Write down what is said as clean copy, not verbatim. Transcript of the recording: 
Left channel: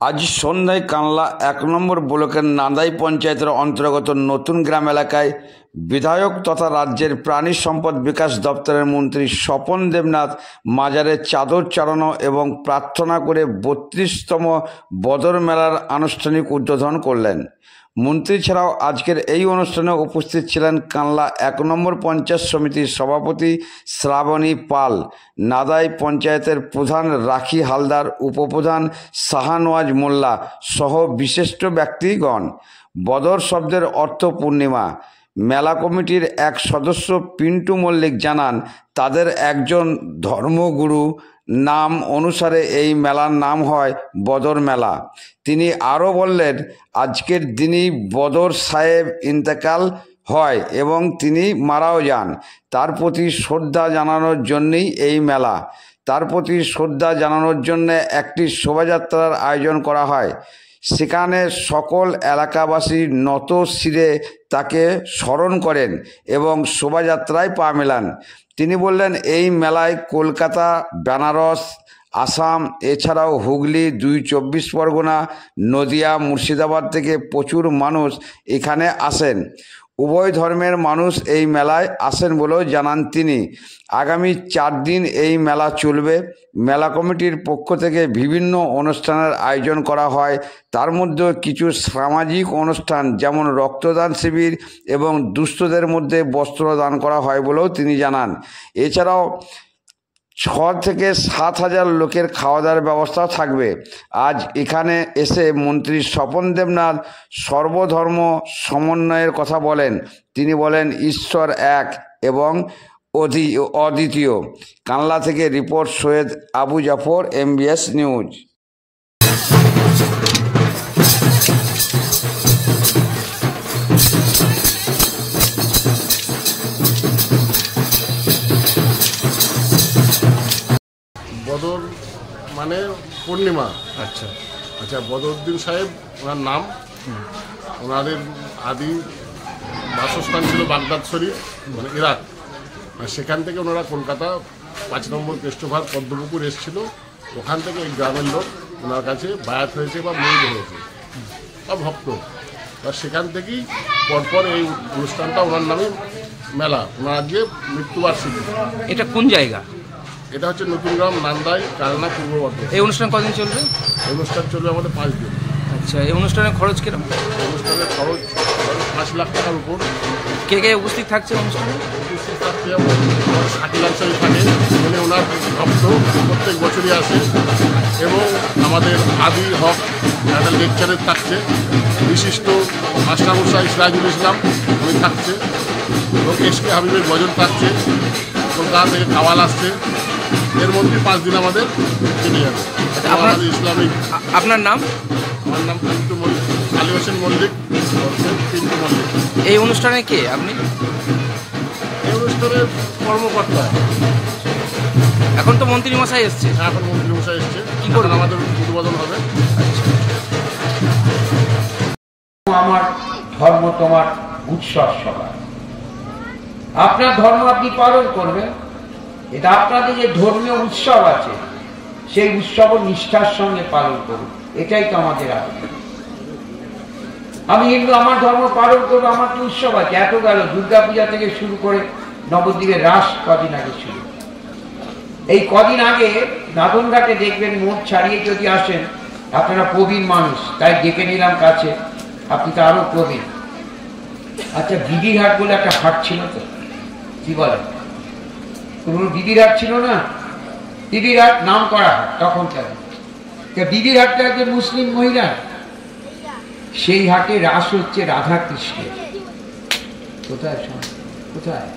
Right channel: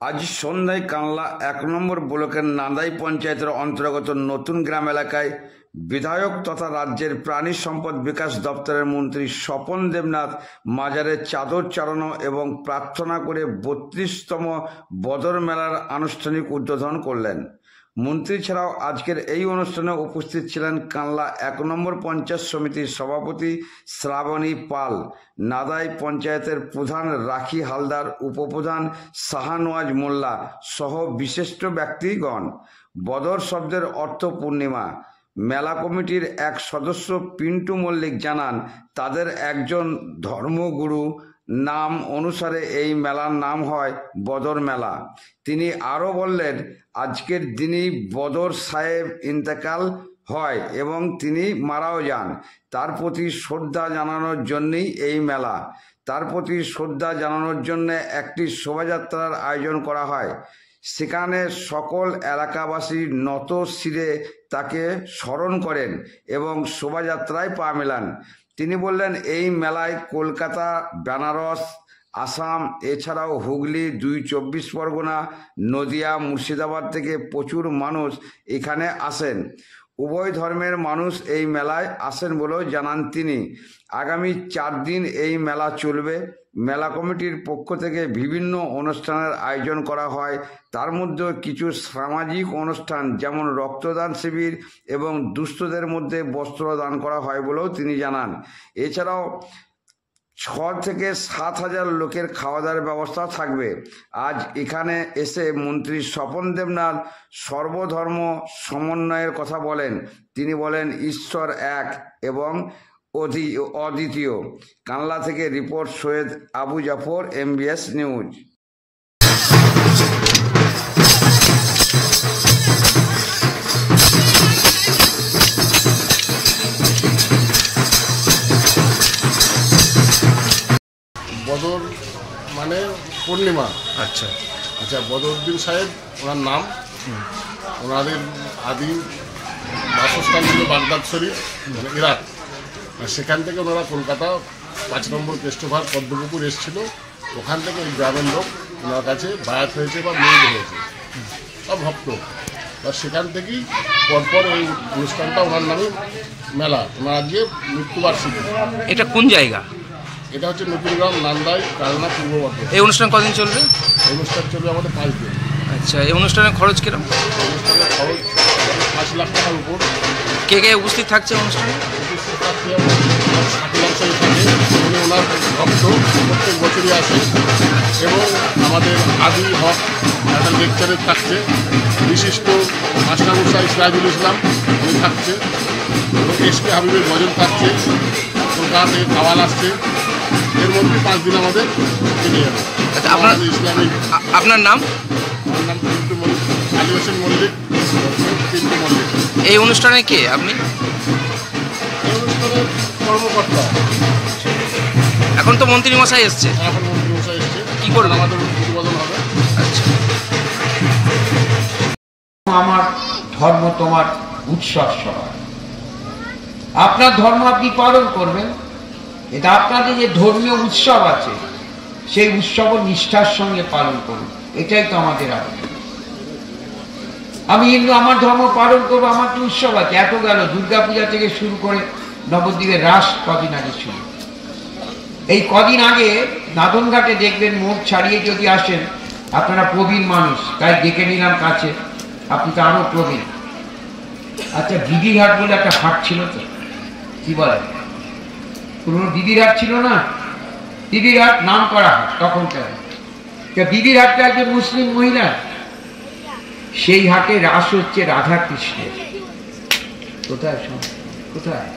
আজ সন্ধ্যায় কানলা ১ নম্বর ব্লকের নান্দাই পঞ্চায়েতের অন্তর্গত নতুন গ্রাম এলাকায় বিধায়ক তথা রাজ্যের প্রাণী সম্পদ বিকাশ দপ্তরের মন্ত্রী স্বপন দেবনাথ মাজারে চাদর চড়ানো এবং প্রার্থনা করে ৩২তম বদর মেলার আনুষ্ঠানিক উদ্বোধন করলেন। মন্ত্রী ছাড়াও আজকের এই অনুষ্ঠানে উপস্থিত ছিলেন কানলা ১ নম্বর পঞ্চায়েত সমিতির সভাপতি শ্রাবণী পাল, নাদাই পঞ্চায়েতের প্রধান রাখি হালদার, উপপ্রধান শাহনওয়াজ মোল্লা সহ বিশিষ্ট ব্যক্তিগণ। বদর শব্দের অর্থ পূর্ণিমা। মেলা কমিটির এক সদস্য পিন্টু মল্লিক জানান, তাদের একজন ধর্মগুরু নাম অনুসারে এই মেলার নাম হয় বদর মেলা। তিনি আরও বললেন, আজকের দিনই বদর সাহেব ইন্তেকাল হয় এবং তিনি মারাও যান। তার প্রতি শ্রদ্ধা জানানোর জন্যই এই মেলা। তার প্রতি শ্রদ্ধা জানানোর জন্য একটি শোভাযাত্রার আয়োজন করা হয়। সেখানে সকল এলাকাবাসী নত শিরে তাকে স্মরণ করেন এবং শোভাযাত্রায় পা মেলান। তিনি বললেন, এই মেলায় কলকাতা, বেনারস, আসাম এছাড়াও হুগলি, ২ চব্বিশ পরগনা, নদিয়া, মুর্শিদাবাদ থেকে প্রচুর মানুষ এখানে আসেন। উভয় ধর্মের মানুষ এই মেলায় আসেন বলেও জানান তিনি। আগামী ৪ দিন এই মেলা চলবে। মেলা কমিটির পক্ষ থেকে বিভিন্ন অনুষ্ঠানের আয়োজন করা হয়। তার মধ্যে কিছু সামাজিক অনুষ্ঠান যেমন রক্তদান শিবির এবং দুস্থদের মধ্যে বস্ত্র দান করা হয় বলেও তিনি জানান। এছাড়াও ৬ থেকে ৭ হাজার লোকের খাওয়া দাওয়ার ব্যবস্থাও থাকবে। আজ এখানে এসে মন্ত্রী স্বপন দেবনাথ সর্বধর্ম সমন্বয়ের কথা বলেন। তিনি বলেন, ঈশ্বর এক এবং অদ্বিতীয়। কানলা থেকে report Syed Abu Jafar, MBS news. বদর মানে পূর্ণিমা। আচ্ছা, বদরুদ্দিন সাহেব ওনার নাম। ওনাদের আদি বাসস্থান ছিল বাগদাদ শরীফ, মানে ইরাক। সেখান থেকে ওনারা কলকাতা ৫ নম্বর কেষ্টভার পদ্মপুকুর এসেছিল। ওখান থেকে এই গ্রামের লোক ওনার কাছে বায়াত হয়েছে বা মুরিদ হয়েছে, সব ভক্ত। বা সেখান থেকেই পরপর এই অনুষ্ঠানটা ওনার নামে মেলা। ওনার আজকে মৃত্যুবার্ষিকী। এটা কোন জায়গা? এটা হচ্ছে নতুন গ্রাম, নান্দাই, কালনা, পূর্ব বর্ধমান। এই অনুষ্ঠান কদিন চলবে? এই অনুষ্ঠান চলবে আমাদের 5 দিন। আচ্ছা, এই অনুষ্ঠানের খরচ কিরকম? অনুষ্ঠানের খরচ 5 লাখ টাকার উপর। কে কে উপস্থিত থাকছে অনুষ্ঠানে? উপস্থিত থাকছে 60 থাকে। উনি ওনার ভক্ত, প্রত্যেক বছরই আসে। এবং আমাদের আদি হক একটা লেকচারের থাকছে, বিশিষ্ট মাস্টারমশাই সিরাজুল ইসলাম উনি থাকছে, এবং SK হাবিবের গজল থাকছে। কলকাতা থেকে কাওয়াল আসছে। এর মধ্যে 5 দিন আমাদের কেটে যাবে। আচ্ছা, ইসলামিক। আপনার নাম? আমার নাম পিন্টু মল্লিক, আলী হোসেন মল্লিক, পিন্টু মল্লিক। এই অনুষ্ঠানে কে আপনি? এই অনুষ্ঠানের কর্মকর্তা। এখন তো মন্ত্রী মশাই এসছে। এখন মন্ত্রী মশাই এসছে। কি করবেন? আমাদের উদ্বোধন হবে। আচ্ছা, আমার ধর্ম তোমার উৎসব সভা। আপনার ধর্ম আপনি পালন করবেন। এটা আপনাদের যে ধর্মীয় উৎসব আছে, সেই উৎসব নিষ্ঠার সঙ্গে পালন করুন। এটাই তো আমাদের আবেদন। আমি হিন্দু, আমার ধর্ম পালন করবো, আমার তো উৎসব আছে। এত গেল দুর্গাপূজা থেকে শুরু করে নবদ্বীপের রাস কদিন আগে শুরু। এই কদিন আগে নাদনঘাটে দেখবেন, মোট ছাড়িয়ে যদি আসেন, আপনারা প্রবীণ মানুষ, তাই ডেকে নিলাম কাছে। আপনি তো আরো প্রবীণ। আচ্ছা, বিবির হাট বলে একটা হাট ছিল, তো কি বলে, পুরনো বিবির হাট ছিল না? বিবির হাট নাম করা হয় তখন। বিবির হাটটা একজন মুসলিম মহিলা। সেই হাটে রাস হচ্ছে রাধা কৃষ্ণের। কোথায় কোথায়